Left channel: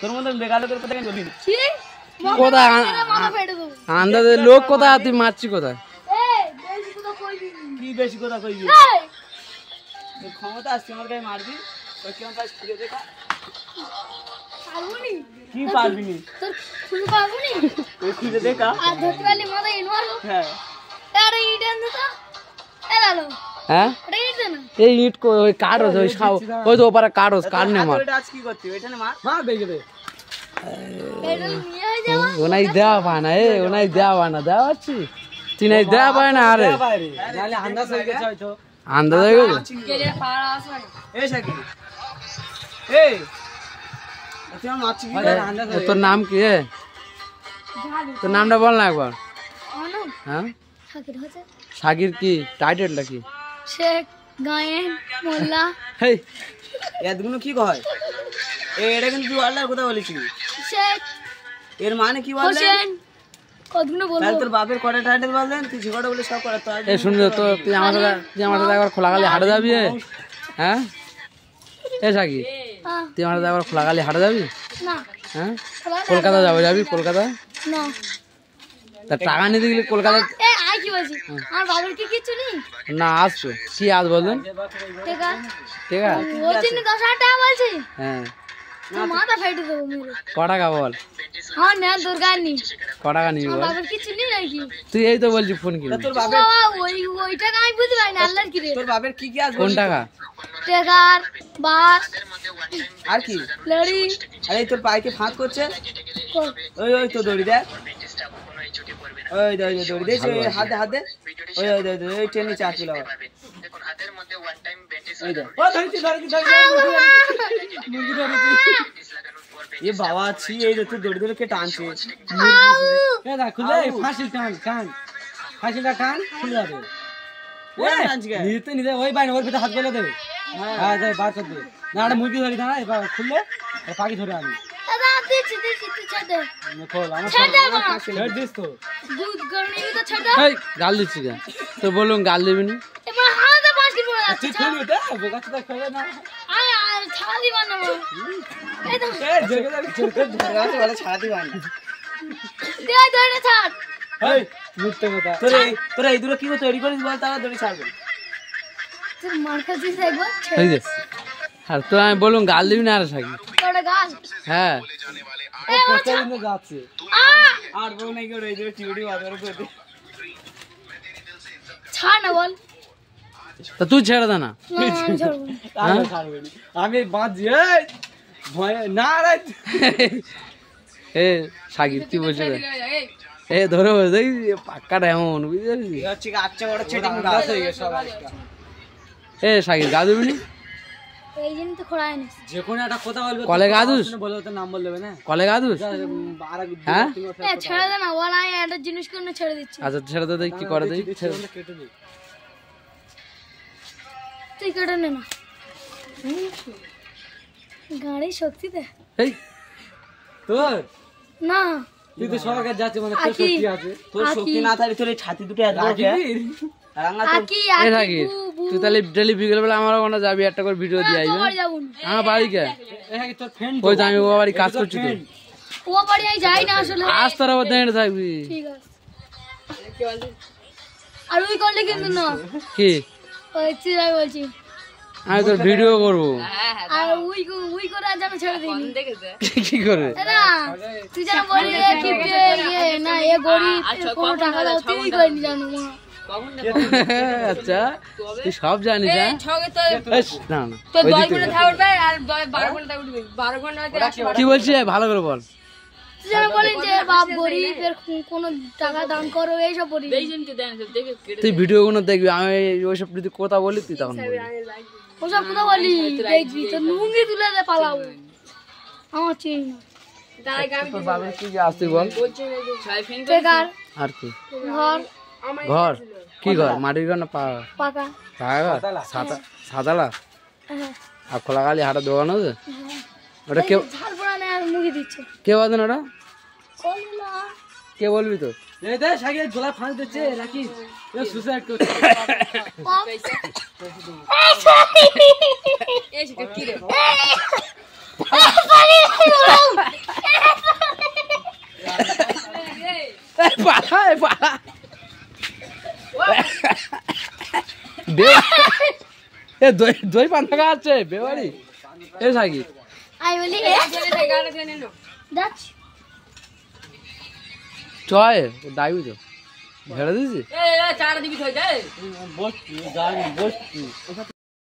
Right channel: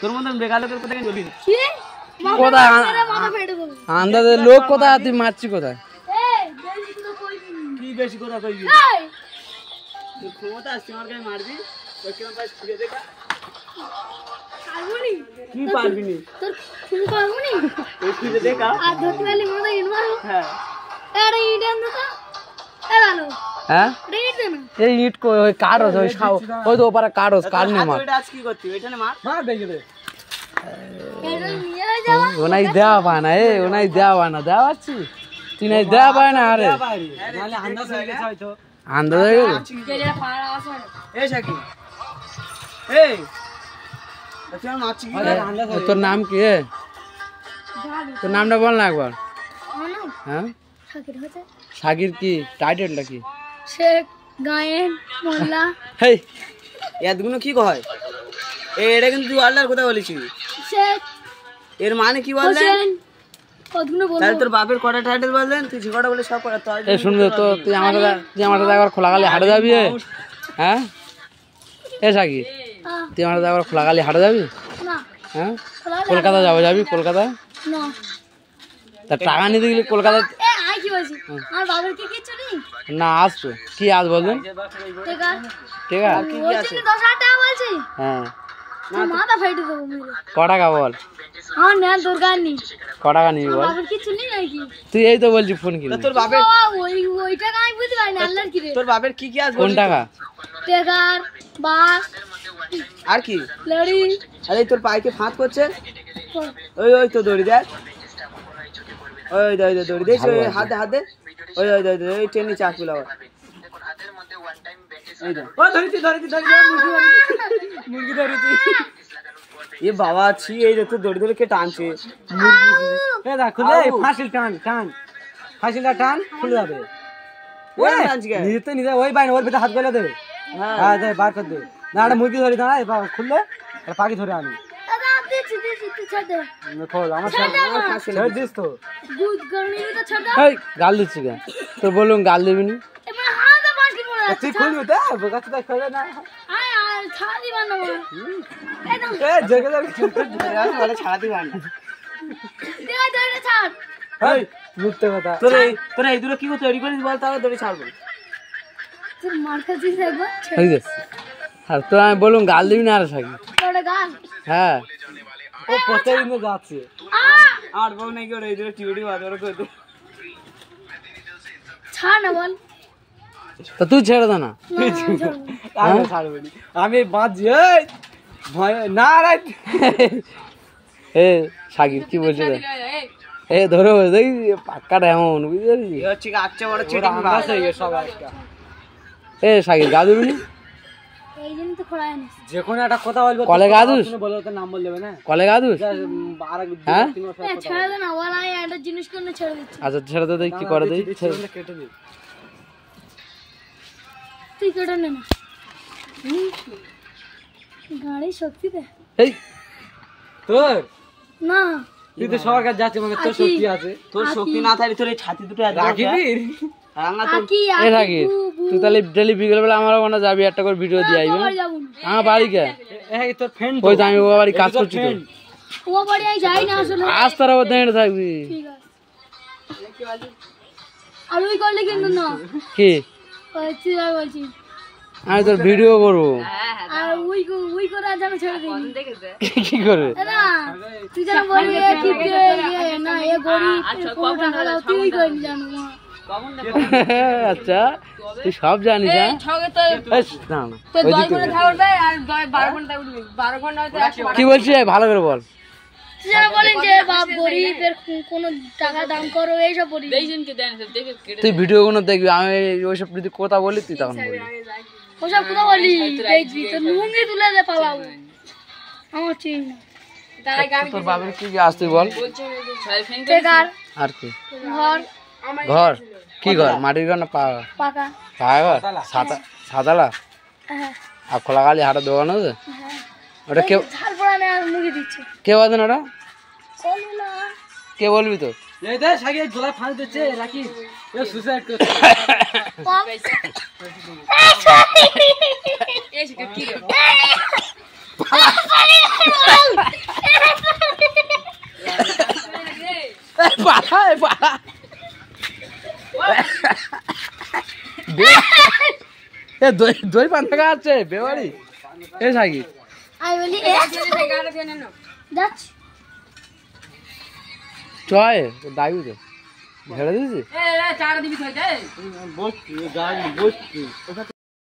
তোর মতন বেকার লোকের কথা কেন বলবি? কোথায় আন্দাজে লোক কোথায়, তুই মারছি কোথায়? কি বেশি কথা কইবি? তুই ক্ষমতা আসছে আমার গায়ে মারবি, ওই কেমন পাস ফিরে দেখা। পারবনি? কি পারবি নি? তোর শুরু পারবনি? ওই ফিরে দেখা। আর ধরতে পারলি মাথা ইনমার। হ্যাঁ। আরে ইডেন তো। এলালো। হ্যাঁ? এই ইট কই ওই কাটস ওই সাও ওই তো ওপারে কাটস কাট নে মার। এটা আজ কি করছিস? ওইখানে মার। মার দেখে দে। এটা নিয়ে যাও। ওনাই দেওয়া পায় না ওনাই দেওয়া না দেওয়াচ্ছি। তুই নাই দেওয়া পায় না আরে। নালে আন্দাজ হয়ে গেছে হয়তো। আন্দাজ হয়ে গেছে? কেলে পাড়া আছে। এই শাকি। এই তুই আমার নাচি কি আন্দাজ হয়ে? তোর নাম কি? তোর নামটা বল না একবার। হ্যাঁ? সাকির হচ্ছে। সাকির কি টাইটেলটা কি? শেখ গায়েন মোল্লা। হেই এতগুলো কি কয়? এটা কিন্তু তুই আল্লাহর কথা বলেছিস। শেখ এর মানে কি বললেন? হোসেন কতগুলো বলবো? তাহলে তোর বাপের কটা টাইটেল বললেন? তুই যে কটা বলে সব কটা তো। এই শুনবি তো তুই আমার সাথে একবার খোলাগালি হাঁটে যাবি? হ্যাঁ এ সাকির তুই আমার সাথে একবার খোলাগালি হাঁটে যাবি? না। হ্যাঁ কলকাতা যাবি কলকাতা? না। তা টাকা নিতে গেলে কলকাতা এ আই কি বলছিস? আমার বাবার কি কিছু নেই? না আসবে কি আজ বলবেন? ঠিক আছে ঠিক আছে ওই জন্য 10,000 টাকা বলছি। হ্যাঁ মাথা ফাইটে দেবো মেরে। ক টাকা বল? হ্যাঁ না দরকার নেই। ক টাকা নিবি বল? বাবার কিছু নেই নাকি? তুই এই তো বলছি ফোন কিনবি। তোর বাপের ওই টাকা আমি বুঝতে পারি না আল্লাহর কি রে। তোর বাপের কি কি আছে? কোন টাকা? টেকার বাস আর কি? লড়ি। আরে তোর পাইকে ফাঁক করছে। ওই তো দড়ি দেখ। ওই দড়ি দে হাত দে। ওই ট্রেনে চাকরি লাগা। মুরগি ধরেছি। এ বাবা ছি এই দেখো দড়ি ধরে কে টানছে। এ দেখ খুলে ফাঁসিল টান ফাঁসিলটা টান খুলে যাবে। ওই টানছে কে? নিতে ওই বাইন ওর ভিতরে হাত গেলে দে। হ্যাঁ দে বার কর দে। না একটা মুরগি ধরি না এবার খুললে আর পাখি ধরে আনি। দাদা দিছি ছেড়ে দে। খোল আমার ছেড়ে দিস তো। দুধ গরনি তো ছেড়ে দে। এই গাল দিচ্ছি কেন? তোর বলুন গাল দিবি নি? এবার হাতে বাস কি বলা? তুই খুলবি তো বোকাচোদা খোলে না। আয় ছাড়া দিবা না আমার। এই তো এ জেগে বলে ছাড়া দিবা না। দে ছাড়। এই মুক্ত কথা। তোর এই দুটো কি করে তৈরি করিস বল তাহলে দড়ি ছাড়বো। তোর মার খাচ্ছিস একবার? এই যে আর তো আমি বলুন গাল দিবি না আর সাকি? তোর গাল। হ্যাঁ ও প্রতিদিন তো যাচ্ছে। আর বউ নাকি ওর এই দুটো টিউটি বাজার করতে। ছাড় না বল। তা তুই ছেড়ে দে না। আমি ছাড়বো না। আমি বাঁধছি এই ভয় না রে। এ সাকিব কি বলছিস? এ ধরো দেখি পাক্কাটা এমন বুঝতে পারছিস? এ হচ্ছে আচ্ছা বড় চিটিং বাস হয়ে গেছে সব একটা। এ সাকিব গা দিবি নি? এই জন্য তো খোলাই না। যে কোনো একটা কথা বলবে কলে গা দুস? বলে তোর নাম বল দেবে না। কলে গা দুস? হ্যাঁ এ ছেড়ে দে না বল আমি একটা জিনিস করে ছেড়ে দিচ্ছি। আচ্ছা ছেড়ে দে কি করে দেই? কেটে দে। তুই কেটে নে না। গাড়ি শক্তি দে। এই তোর না তুই তো সবার কাছে যাচ্ছিস মানে তোর শক্তি আছে। তোর শক্তি না থাকলে তোর এই ছাতি দুটো রাখিবি? রাঙা তো আকি এ রাখি তুই তাহলে ডেলি বিকেল বেলা আমার ওখানে যাবি একটা করে ভিডিও দিয়ে আইবি। যাব না। আমার বাড়ি কে? তোর ফ্রেন্ড ওই তো আমি ও বাড়ি কাজ করছি তো। ও বাড়ি আমি যাই না আসলে। আজ তোর আবার দাঁড়িয়ে থাকবি। ঠিক আছে। আর ওই করলে কিন্তু না। কি? ওই তুই যাই বলছি। আমি তোর ভিডিও করবো। আর ওই করে আর যেন ছেড়ে দিবি। কি করবে? না তুই যেন বলি না এ গরিব কোনো টাকা দাও তুই করে নি জানো মা। আচ্ছা তুই সব জানিস? হ্যাঁ না না কি বলছিস ভালো করে বল। তুই যেন বলেন যে বাপ গরিব এর কোনো টাকা দান করো এইসব বলি। তুই ভিডিও কোনো দেখবি আমি ওইসব যদি কথা বলি তুই তখন বলবি। ওসব কথা বলি দেখবি তো লুঙ্গি তুলে দে পালাবো আমার চিন না। তোর বাবার কি আস তুই বল। বেকার আর কি? ঘর ঘর কি ঘর? মাটির ঘর না পাকা? পাকা। পাকা ঘর সাদালা হ্যাঁ আর খোলাগালি হাটের দোকান আছে হ্যাঁ ওটা কে? ঝাল পড়া নেই আর মুখে দিচ্ছে কে বাজেন ওটা? বলি না কে বলবি তো? এই দে সাকি গোলা ফাঁস দিচ্ছে রাখি এ সুসাইড করছে। কি রে পালা পালা দই পান্তা খাচ্ছে বেবাড়ি এ সাকি আমি বলি যাচ্ছি চয় দাবি তো ঝেড়ে দিয়েছি বসছি